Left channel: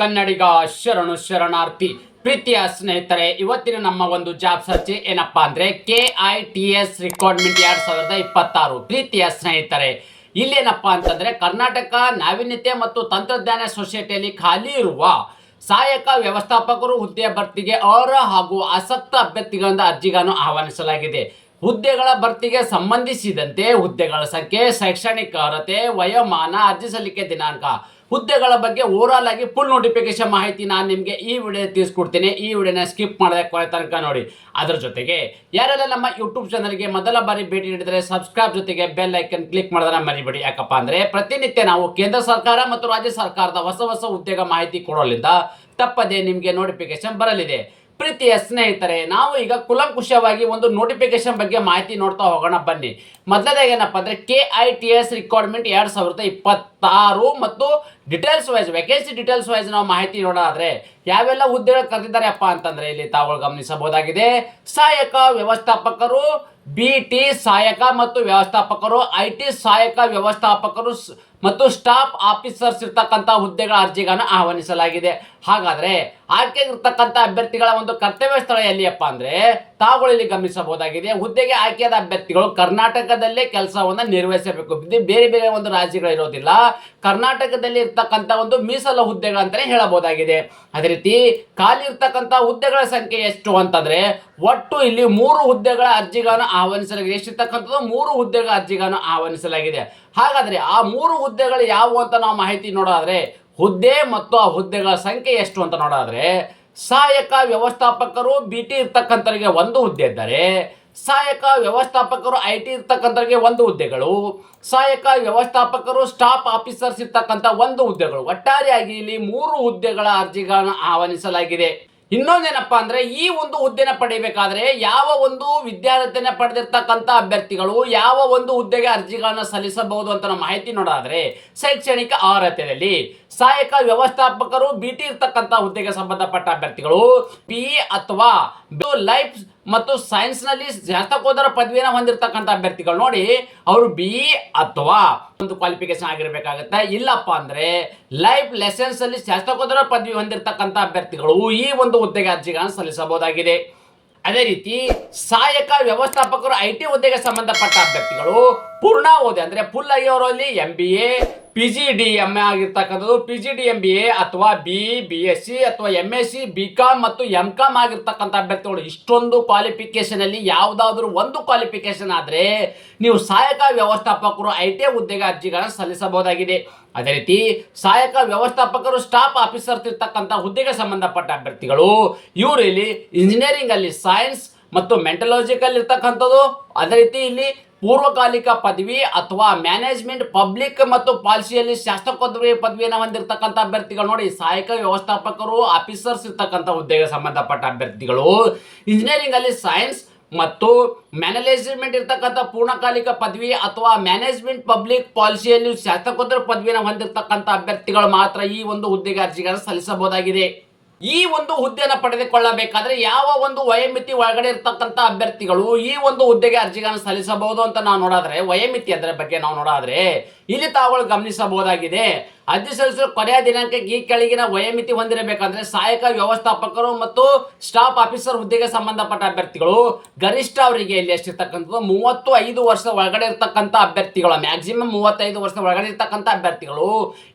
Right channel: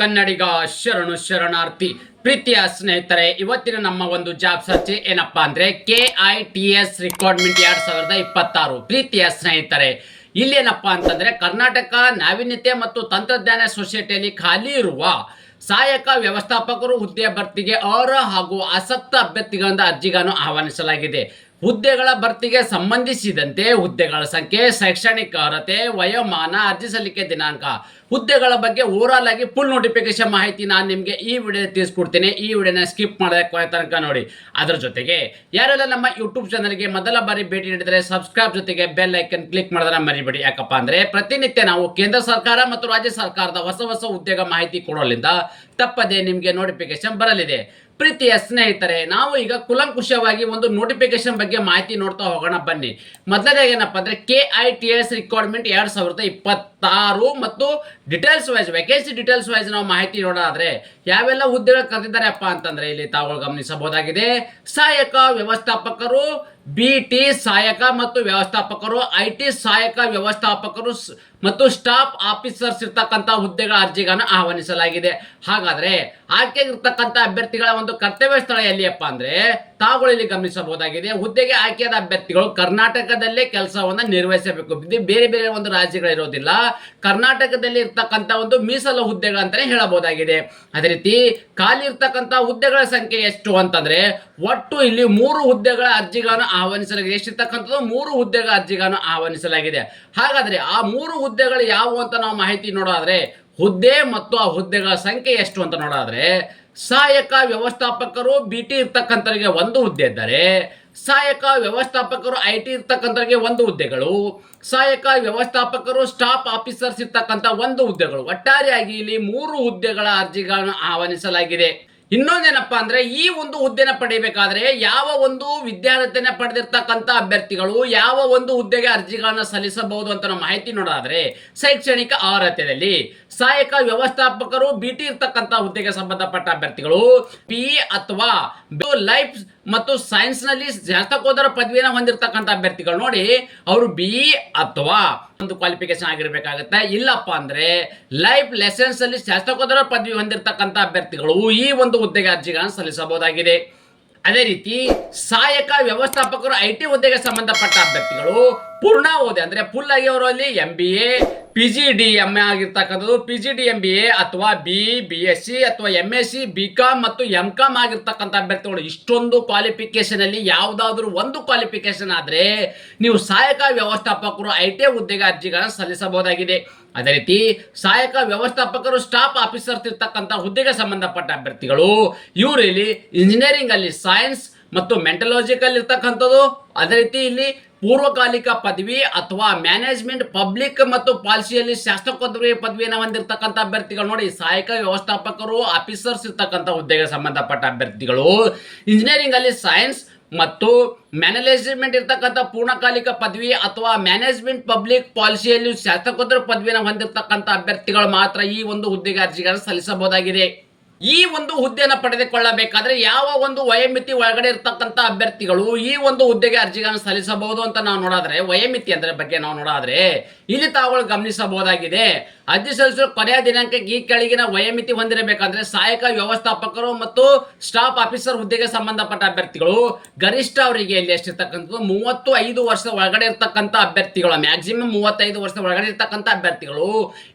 ಕನ್ನಡಿಗ ಶರಣು ಶರಣಾರ್ಥಿ. ಪ್ರೀತಿಯ ಸ್ನೇಹಿತರೆ, ಇವತ್ತಿನ ನಮ್ಮ ಒಂದು ಜಾಬ್ ಸರ್ಚ್ ಏನಪ್ಪಾ ಅಂದ್ರೆ KITS ರಿಕ್ವೈರ್ಮೆಂಟ್ 2026. ಪ್ರೀತಿಯ ಸ್ನೇಹಿತರೆ, ಇಲ್ಲೇನಪ್ಪಾ ಅಂತಂದ್ರೆ ಕರ್ನಾಟಕ ನಾವೀನ್ಯತೆ ಮತ್ತು ತಂತ್ರಜ್ಞಾನ ಸೊಸೈಟಿಯಲ್ಲಿ ಖಾಲಿ ಇರುವ ಸಹಾಯಕ ವ್ಯವಸ್ಥಾಪಕರು ಹುದ್ದೆಯ ಭರ್ತಿಗೆ ಅರ್ಹ ಹಾಗೂ ಆಸಕ್ತ ಅಭ್ಯರ್ಥಿಗಳಿಂದ ಅರ್ಜಿಗಳನ್ನು ಆಹ್ವಾನಿಸಲಾಗಿದೆ. ಹುದ್ದೆಗಳ ಭರ್ತಿಗೆ ಸಂಬಂಧಿಸಿದಂತೆ ಹುದ್ದೆಗಳ ಸಂಖ್ಯೆ, ಶೈಕ್ಷಣಿಕ ಅರ್ಹತೆ, ವಯೋಮಾನ, ಅರ್ಜಿ ಸಲ್ಲಿಕೆ ದಿನಾಂಕ, ಹುದ್ದೆಗಳ ಬಗ್ಗೆ ಓವರಾಲ್ ಆಗಿ ಫುಲ್ ನೋಟಿಫಿಕೇಶನ್ ಮಾಹಿತಿ ನಾನು ನಿಮಗೆ ಈ ವಿಡಿಯೋ ತಿಳಿಸ್ಕೊಡ್ತೀನಿ. ಈ ವಿಡಿಯೋನ ಸ್ಕಿಪ್ ಮಾಡದೆ ಕೊನೆ ತನಕ ನೋಡಿ. ಅದರ ಜೊತೆಗೆ ಯಾರೆಲ್ಲ ನಮ್ಮ ಯೂಟ್ಯೂಬ್ ಚಾನಲ್ಗೆ ಮೊದಲ ಬಾರಿ ಭೇಟಿ ನೀಡಿದರೆ ಸಬ್ಸ್ಕ್ರೈಬ್ ಜೊತೆಗೆ ಬೆಲ್ ಐಕನ್ ಕ್ಲಿಕ್ ಮಾಡೋದನ್ನ ಮರಿಬೇಡಿ. ಯಾಕಪ್ಪ ಅಂದ್ರೆ ಪ್ರತಿನಿತ್ಯ ನಾವು ಕೇಂದ್ರ ಸರ್ಕಾರ ಮತ್ತು ರಾಜ್ಯ ಸರ್ಕಾರದ ಹೊಸ ಹೊಸ ಉದ್ಯೋಗ ಮಾಹಿತಿ ಕೊಡೋದ್ರಿಂದ ತಪ್ಪದೆ ನಿಮಗೆ ನೋಟಿಫಿಕೇಶನ್ ಬರಲಿದೆ. ಪ್ರೀತಿಯ ಸ್ನೇಹಿತರೆ, ನಾವು ಈಗ ಕುಲಂಕುಷವಾಗಿ ಒಂದು ನೋಟಿಫಿಕೇಶನ್ ಬಗ್ಗೆ ಮಾಹಿತಿ ನೋಡ್ತಾ ಹೋಗೋಣ ಬನ್ನಿ. ಮೊದಲನೇದಾಗಿ ಏನಪ್ಪಾ ಅಂದ್ರೆ KITS ರಿಕ್ವೈರ್ಮೆಂಟ್ 2026 ಮತ್ತು details wise vacancy details wise ನಾವು ಮಾಹಿತಿ ನೋಡೋದಾದ್ರೆ ಯಾವೆಲ್ಲ ಹುದ್ದೆಗಳು ಕರೆದಿದ್ದಾರೆ ಅಪ್ಪ ಅಂತಂದ್ರೆ ಇಲ್ಲಿ ತಾವು ಗಮನಿಸಬಹುದಾಗಿದೆ. ಸಹಾಯಕ ವ್ಯವಸ್ಥಾಪಕರು, BT ಸಹಾಯಕ ಮತ್ತು ವ್ಯವಸ್ಥಾಪಕರು, IT ಸಹಾಯಕ ವ್ಯವಸ್ಥಾಪಕರು ಮತ್ತು ಸ್ಟಾಫ್ ಆಫೀಸರ್ಸ್ ಇರ್ತಕ್ಕಂಥ ಹುದ್ದೆಗಳ ಅರ್ಜಿಗಳನ್ನು ಆಹ್ವಾನಿಸಲಾಗಿದೆ. ಹಾಗಾದ್ರೆ ಆಯ್ಕೆಗಿರ್ತಕ್ಕಂಥ ಅಭ್ಯರ್ಥಿಗಳ ಒಂದು ಕರ್ತವ್ಯ ಸ್ಥಳ ಎಲ್ಲಿಯಪ್ಪ ಅಂದ್ರೆ ತಾವುಗಳು ಇಲ್ಲಿ ಗಮನಿಸಬಹುದಾಗಿದೆ. ಹುದ್ದೆಗೆ ಆಯ್ಕೆಯಾದ ಅಭ್ಯರ್ಥಿಗಳು ಕರ್ನಾಟಕದಲ್ಲೇ ಕೆಲಸವನ್ನು ನಿರ್ವಹಿಸಬೇಕು. ಇದು ಬೇರೆ ಬೇರೆ ಒಂದು ರಾಜ್ಯಗಳಿರೋದಿಲ್ಲ, ಕರ್ನಾಟಕದಲ್ಲಿ ಇರ್ತಕ್ಕಂಥ ಒಂದು ಮೀಸಲು ಹುದ್ದೆಗಳಂತಾನೆ ಹೇಳಬಹುದಾಗಿದೆ. ಅದೇ ರೀತಿ ಖಾಲಿ ಇರ್ತಕ್ಕಂಥ ಹುದ್ದೆಗಳ ಸಂಖ್ಯೆ ಎಷ್ಟು ಅಂತಂದ್ರೆ ಒಟ್ಟು ಇಲ್ಲಿ 3 ಹುದ್ದೆಗಳ ಅರ್ಜಿಗಳನ್ನು ಆಹ್ವಾನಿಸಲಾಗಿದೆ. ಎಷ್ಟಿರ್ತಕ್ಕಂಥದ್ದು 3 ಹುದ್ದೆಗಳ ಅರ್ಜಿಗಳನ್ನು ಆಹ್ವಾನಿಸಲಾಗಿದೆ. ಹಾಗಾದ್ರೆ ಆ 3 ಹುದ್ದೆಗಳು ಯಾವುವು ಅಂತ ನಾವು ಮಾಹಿತಿ ನೋಡೋದಾದ್ರೆ ಹುದ್ದೆ ಮತ್ತು ಆ ಹುದ್ದೆಗಳ ಸಂಖ್ಯೆ ಎಷ್ಟು ಅಂತ ನೋಡೋದಾದ್ರೆ ಸಹಾಯಕ ವ್ಯವಸ್ಥಾಪಕರು BT ಇರ್ತಕ್ಕಂಥವರಿಗೆ 1 ಹುದ್ದೆ ಇದ್ದಾರೆ. ಸಹಾಯಕ ವ್ಯವಸ್ಥಾಪಕರು IT ಇರ್ತಕ್ಕಂಥವರಿಗೆ 1 ಹುದ್ದೆಗಳು, ಸಹಾಯಕ ವ್ಯವಸ್ಥಾಪಕರು ಸ್ಟಾಫ್ ಆಫೀಸರ್ಸ್ ಇರ್ತಕ್ಕಂಥ 1 ಹುದ್ದೆಗಳು. ಒಟ್ಟಾರೆಯಾಗಿ ಇಲ್ಲಿ 3 ಹುದ್ದೆಗಳ ಅರ್ಜಿಗಳನ್ನು ಆಹ್ವಾನಿಸಲಾಗಿದೆ. ಇನ್ನೊಂದೇನಪ್ಪಾ ಅಂದ್ರೆ ಈ ಒಂದು ಹುದ್ದೆನ ಪಡೆಯಬೇಕಾದ್ರೆ ಯಾವ ಒಂದು ವಿದ್ಯಾರ್ಥಿನ ಪಡೆದಿರ್ತಕ್ಕಂಥ ಅಭ್ಯರ್ಥಿಗಳು ಯಾವ ಒಂದು ಹುದ್ದೆಗೆ ಅರ್ಜಿಗಳನ್ನ ಸಲ್ಲಿಸಬಹುದು ಅಂತ ನಾವು ಮಾಹಿತಿ ನೋಡೋದಾದ್ರೆ ಶೈಕ್ಷಣಿಕ ಅರ್ಹತೆಯಲ್ಲಿ ಸಹಾಯಕ ವ್ಯವಸ್ಥಾಪಕರು BT ಇರ್ತಕ್ಕಂಥ ಹುದ್ದೆಗೆ ಸಂಬಂಧಪಟ್ಟ ಅಭ್ಯರ್ಥಿಗಳು PE ಅಥವಾ ಲೈಫ್ ಮತ್ತು ಸೈನ್ಸ್ ನಲ್ಲಿ ಸ್ನಾತಕೋತ್ತರ ಪದವಿಯನ್ನು ಹೊಂದಿರತಕ್ಕಂಥ ಅಭ್ಯರ್ಥಿಗಳು ನೋಡಿ ಅವರು BE ಅಥವಾ ಒಂದು ಕ್ವಾಲಿಫಿಕೇಶನ್ ಆಗಿರಬೇಕಾಗುತ್ತೆ. ಇಲ್ಲಪ್ಪ ಅಂದ್ರೆ ಲೈಫ್ ಲೆಸನ್ಸ್ ಅಲ್ಲಿ ಸ್ನಾತಕೋತ್ತರ ಪದವಿ ಹೊಂದಿರತಕ್ಕಂಥ ಅಭ್ಯರ್ಥಿಗಳು ಈ ಒಂದು ಹುದ್ದೆಗೆ ಅರ್ಜಿಗಳನ್ನು ಸಲ್ಲಿಸಬಹುದಾಗಿದೆ. ಅದೇ ರೀತಿ ಸಹಾಯಕ ವ್ಯವಸ್ಥಾಪಕರು IT ಹುದ್ದೆಗೆ ಸಂಬಂಧಪಟ್ಟ ಅಭ್ಯರ್ಥಿಗಳು ಪೂರ್ಣಾವಧಿ ಅಂದ್ರೆ ಫುಲ್ ಆಗಿ ಅವರಲ್ಲಿ MBA PGDM ಆಗಿರ್ತಕ್ಕಂಥದ್ದು, PGDMBA ಅಥವಾ BE BSc ಅಥವಾ MSc BCom ಮತ್ತು MCom ಆಗಿರ್ತಕ್ಕಂಥ ಅಭ್ಯರ್ಥಿಗಳು ಇಷ್ಟೊಂದು ಕ್ವಾಲಿಫಿಕೇಶನ್ ಅಲ್ಲಿ ಯಾವುದಾದ್ರೂ ಒಂದು ಕ್ವಾಲಿಫಿಕೇಶನ್ ಆದ್ರೆ ನೀವು ಸಹಾಯಕ ವ್ಯವಸ್ಥಾಪಕರು IT ಹುದ್ದೆಗೆ ಅರ್ಜಿಗಳನ್ನು ಸಲ್ಲಿಸಬಹುದಾಗಿದೆ. ಅದೇ ರೀತಿ ಸಹಾಯಕ ವ್ಯವಸ್ಥಾಪಕರು ಸ್ಟಾಫ್ ಆಫೀಸರ್ಸ್ ಇರ್ತಕ್ಕಂಥ ಹುದ್ದೆಗೆ ಸಂಬಂಧಪಟ್ಟ ಅಭ್ಯರ್ಥಿಗಳು ಇವರು ಇಲ್ಲಿ ಇಂಜಿನಿಯರಿಂಗ್ ಅಲ್ಲಿ ಸೈನ್ಸ್ ಮತ್ತು ಮೆಂಟಲಾಜಿಕಲ್ ಇರ್ತಕ್ಕಂಥದ್ದು. ಅದೇ ರೀತಿ ಇಲ್ಲಿ ಪೂರ್ವಕಾಲಿಕ ಪದವಿ ಅಥವಾ ಮ್ಯಾನೇಜ್ಮೆಂಟ್ ಪಬ್ಲಿಕ್ ಮತ್ತು ಪಾಲಿಸಿಯಲ್ಲಿ ಶಾಸ್ತ್ರಕೋತ್ತರ ಪದವಿಯನ್ನು ಹೊಂದಿರತಕ್ಕಂಥ ಅಭ್ಯರ್ಥಿಗಳು ನೋಡಿ ಸಹಾಯಕ ವ್ಯವಸ್ಥಾಪಕರು ಆಫೀಸರ್ಸ್ ಇರ್ತಕ್ಕಂಥ ಹುದ್ದೆಗೆ ಸಂಬಂಧಪಟ್ಟ ಅಭ್ಯರ್ಥಿಗಳು ಇಂಜಿನಿಯರಿಂಗ್ ಅಲ್ಲಿ ಸೈನ್ಸ್ ಮತ್ತು ಮ್ಯಾನೇಜ್ಮೆಂಟ್ ಇರ್ತಕ್ಕಂಥ ಪೂರ್ಣಕಾಲಿಕ ಪದವಿ ಅಥವಾ ಮ್ಯಾನೇಜ್ಮೆಂಟ್ ಪಬ್ಲಿಕ್ ಪಾಲಿಸಿಯಲ್ಲಿ ಶಾಸ್ತ್ರಕೋತ್ತರ ಪದವಿಯನ್ನು ಹೊಂದಿರತಕ್ಕಂಥ ಅಭ್ಯರ್ಥಿಗಳು ಮಾತ್ರ ಈ ಒಂದು ಹುದ್ದೆಗೆ ಅರ್ಜಿಗಳನ್ನು ಸಲ್ಲಿಸಬಹುದಾಗಿದೆ. ಈ ಒಂದು ಹುದ್ದೆಯನ್ನು ಪಡೆದುಕೊಳ್ಳಬೇಕಾದ್ರೆ ಯಾವ ಒಂದು ವಯೋಮಿತಿ ಒಳಗಡೆ ಇರ್ತಕ್ಕಂಥ ಅಭ್ಯರ್ಥಿಗಳು ಈ ಒಂದು ಹುದ್ದೆಗೆ ಅರ್ಜಿಗಳನ್ನು ಸಲ್ಲಿಸಬಹುದು ಅಂತ ನಾವು ನೋಡೋದ್ರೆ ವಯೋಮಿತಿ ಅದರ ಬಗ್ಗೆ ನಾವು ನೋಡೋದ್ರೆ ಇಲ್ಲಿ ತಾವುಗಳು ಗಮನಿಸಬಹುದಾಗಿದೆ. ಅರ್ಜಿ ಸಲ್ಲಿಸಲು ಕೊನೆಯ ದಿನಾಂಕಕ್ಕೆ ಈ ಕೆಳಗಿನ ವಯೋಮಿತಿ ಹೊಂದಿರಬೇಕಂದ್ರೆ ಸಹಾಯಕ ವ್ಯವಸ್ಥಾಪಕರು ಮತ್ತು ಸ್ಟಾಫ್ ಆಫೀಸರ್ ಹುದ್ದೆಗೆ ಸಂಬಂಧಪಟ್ಟ ಅಭ್ಯರ್ಥಿಗಳು ಗರಿಷ್ಠ ಅವರಿಗೆ ಇಲ್ಲಿ ಎಷ್ಟಿರ್ತಕ್ಕಂಥದ್ದು 35 ವರ್ಷದ ಒಳಗಡೆ ಇರ್ತಕ್ಕಂಥ ಅಭ್ಯರ್ಥಿಗಳು ಮ್ಯಾಕ್ಸಿಮಮ್ 35 ವರ್ಷದ ಒಳಗಡೆ ಇರ್ತಕ್ಕಂಥ ಅಭ್ಯರ್ಥಿಗಳು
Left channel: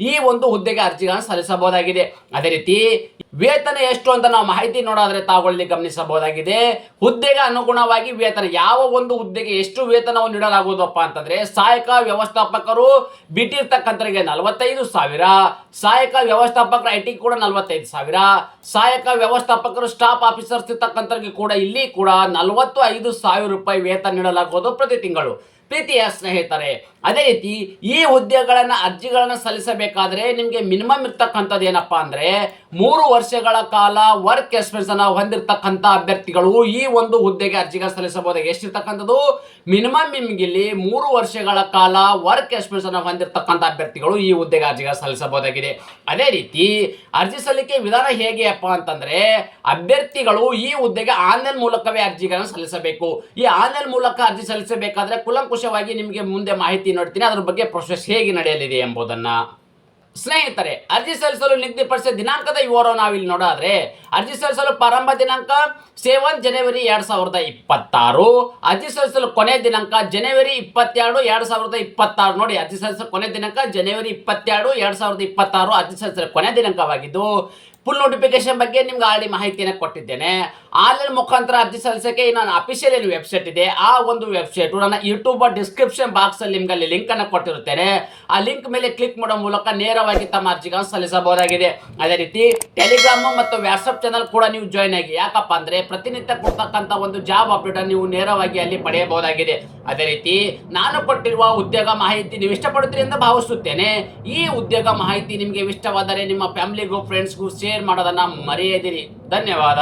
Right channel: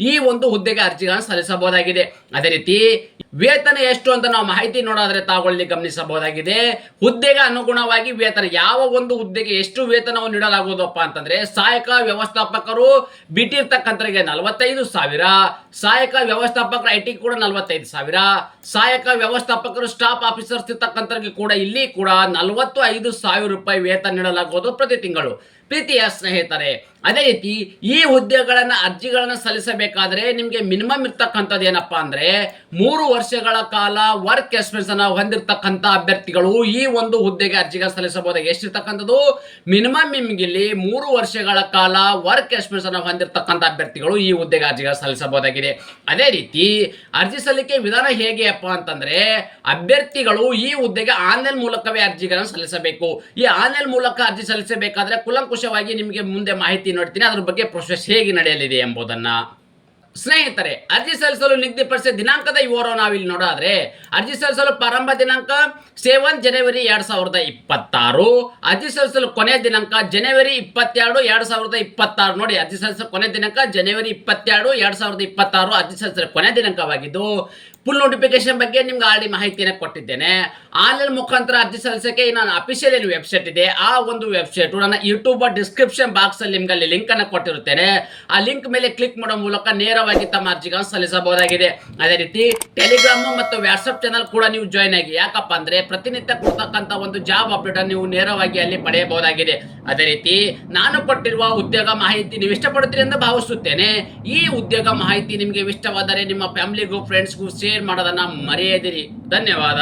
ಈ ಒಂದು ಹುದ್ದೆಗೆ ಅರ್ಜಿಗಳನ್ನು ಸಲ್ಲಿಸಬಹುದಾಗಿದೆ. ಅದೇ ರೀತಿ ವೇತನ ಎಷ್ಟು ಅಂತ ನಾವು ಮಾಹಿತಿ ನೋಡೋದ್ರೆ ತಾವುಗಳಲ್ಲಿ ಗಮನಿಸಬಹುದಾಗಿದೆ. ಹುದ್ದೆಗೆ ಅನುಗುಣವಾಗಿ ವೇತನ ಯಾವ ಒಂದು ಹುದ್ದೆಗೆ ಎಷ್ಟು ವೇತನವನ್ನು ನೀಡಲಾಗುವುದಪ್ಪ ಅಂತಂದ್ರೆ ಸಹಾಯಕ ವ್ಯವಸ್ಥಾಪಕರು BT ಇರ್ತಕ್ಕಂಥವರಿಗೆ 45,000, ಸಹಾಯಕ ವ್ಯವಸ್ಥಾಪಕರು IT ಕೂಡ 45,000, ಸಹಾಯಕ ವ್ಯವಸ್ಥಾಪಕರು ಸ್ಟಾಫ್ ಆಫೀಸರ್ಸ್ ಇರ್ತಕ್ಕಂಥವರಿಗೆ ಕೂಡ ಇಲ್ಲಿ ಕೂಡ 45,000 ರೂಪಾಯಿ ವೇತನ ನೀಡಲಾಗುವುದು ಪ್ರತಿ ತಿಂಗಳು. ಪ್ರೀತಿಯ ಸ್ನೇಹಿತರೆ, ಅದೇ ರೀತಿ ಈ ಹುದ್ದೆಗಳನ್ನ ಅರ್ಜಿಗಳನ್ನ ಸಲ್ಲಿಸಬೇಕಾದ್ರೆ ನಿಮಗೆ ಮಿನಿಮಮ್ ಇರ್ತಕ್ಕಂಥದ್ದು ಏನಪ್ಪಾ ಅಂದ್ರೆ 3 ವರ್ಷಗಳ ಕಾಲ ವರ್ಕ್ ಎಕ್ಸ್ಪೀರಿಯನ್ಸ್ ಅನ್ನ ಹೊಂದಿರತಕ್ಕಂಥ ಅಭ್ಯರ್ಥಿಗಳು ಈ ಒಂದು ಹುದ್ದೆಗೆ ಅರ್ಜಿಗಳನ್ನು ಸಲ್ಲಿಸಬಹುದು. ಎಷ್ಟಿರ್ತಕ್ಕಂಥದ್ದು ಮಿನಿಮಮ್ ನಿಮ್ಗೆ ಇಲ್ಲಿ 3 ವರ್ಷಗಳ ಕಾಲ ವರ್ಕ್ ಎಕ್ಸ್ಪೀರಿಯನ್ಸ್ ಅನ್ನ ಹೊಂದಿರತಕ್ಕಂಥ ಅಭ್ಯರ್ಥಿಗಳು ಈ ಹುದ್ದೆಗೆ ಅರ್ಜಿಗಳನ್ನು ಸಲ್ಲಿಸಬಹುದಾಗಿದೆ. ಅದೇ ರೀತಿ ಅರ್ಜಿ ಸಲ್ಲಿಕೆ ವಿಧಾನ ಹೇಗೆಯಪ್ಪ ಅಂತಂದ್ರೆ ಅಭ್ಯರ್ಥಿಗಳು ಈ ಹುದ್ದೆಗೆ ಆನ್ಲೈನ್ ಮೂಲಕವೇ ಅರ್ಜಿಗಳನ್ನು ಸಲ್ಲಿಸಬೇಕು. ಈ ಆನ್ಲೈನ್ ಮೂಲಕ ಅರ್ಜಿ ಸಲ್ಲಿಸಬೇಕಾದ್ರೆ ಕುಲಂಕುಷವಾಗಿ ನಿಮಗೆ ಮುಂದೆ ಮಾಹಿತಿ ನೋಡ್ತೀನಿ ಅದ್ರ ಬಗ್ಗೆ ಪ್ರೊಸೆಸ್ ಹೇಗೆ ನಡೆಯಲಿದೆ ಎಂಬುದನ್ನ. ಸ್ನೇಹಿತರೆ, ಅರ್ಜಿ ಸಲ್ಲಿಸಲು ನಿಗದಿಪಡಿಸಿದ ದಿನಾಂಕದ ವಿವರವನ್ನು ನಾವಿಲ್ಲಿ ನೋಡೋದಾದ್ರೆ, ಅರ್ಜಿ ಸಲ್ಲಿಸಲು ಪ್ರಾರಂಭ ದಿನಾಂಕ 7 ಜನವರಿ 2026. ಅರ್ಜಿ ಸಲ್ಲಿಸಲು ಕೊನೆಯ ದಿನಾಂಕ ಜನವರಿ 22, 2026. ನೋಡಿ, ಅರ್ಜಿ ಸಲ್ಲಿಸಲು ಕೊನೆಯ ದಿನಾಂಕ ಜನವರಿ 22, 2026 ಅರ್ಜಿ ಸಲ್ಲಿಸಲು ಕೊನೆಯ ದಿನಾಂಕವಾಗಿದ್ದು, ಫುಲ್ ನೋಟಿಫಿಕೇಶನ್ ಬಗ್ಗೆ ನಿಮ್ಗೆ ಆಲ್ರೆಡಿ ಮಾಹಿತಿಯನ್ನು ಕೊಟ್ಟಿದ್ದೇನೆ. ಆನ್ಲೈನ್ ಮುಖಾಂತರ ಅರ್ಜಿ ಸಲ್ಲಿಸಕ್ಕೆ ನಾನು ಅಫಿಷಿಯಲ್ ಏನು ವೆಬ್ಸೈಟ್ ಇದೆ, ಆ ಒಂದು ವೆಬ್ಸೈಟ್ ನನ್ನ ಯೂಟ್ಯೂಬ್ ಡಿಸ್ಕ್ರಿಪ್ಷನ್ ಬಾಕ್ಸ್ ಅಲ್ಲಿ ನಿಮ್ಗೆ ಅಲ್ಲಿ ಲಿಂಕ್ ಅನ್ನು ಕೊಟ್ಟಿರುತ್ತೇನೆ. ಆ ಲಿಂಕ್ ಮೇಲೆ ಕ್ಲಿಕ್ ಮಾಡೋ ಮೂಲಕ ನೇರವಾಗಿ ತಮ್ಮ ಅರ್ಜಿಗಳನ್ನು ಸಲ್ಲಿಸಬಹುದಾಗಿದೆ. ಅದೇ ರೀತಿ ಟೆಲಿಗ್ರಾಮ್ ಮತ್ತು ವಾಟ್ಸ್ಆಪ್ ಚಾನಲ್ ಕೂಡ ನೀವು ಜಾಯ್ನ್ ಆಗಿ. ಯಾಕಪ್ಪ ಅಂದ್ರೆ ಪ್ರತಿನಿತ್ಯ ಕೊಡ್ತಕ್ಕಂಥ ಒಂದು ಜಾಬ್ ಅಪ್ಡೇಟ್ ನೀವು ನೇರವಾಗಿ ಅಲ್ಲಿ ಪಡೆಯಬಹುದಾಗಿದೆ. ಅದೇ ರೀತಿ ನಾನು ಕೊಟ್ಟಿರುವ ಉದ್ಯೋಗ ಮಾಹಿತಿ ನೀವು ಇಷ್ಟಪಡುತ್ತೀರಿ ಎಂದು ಭಾವಿಸುತ್ತೇನೆ. ಈ ಉದ್ಯೋಗ ಮಾಹಿತಿ ನಿಮಗೆ ಇಷ್ಟವಾದರೆ ನಿಮ್ಮ ಫ್ಯಾಮಿಲಿಗೂ ಫ್ರೆಂಡ್ಸ್ಗೂ ಶೇರ್ ಮಾಡೋದನ್ನ ಮರೆಯದಿರಿ. ಧನ್ಯವಾದ.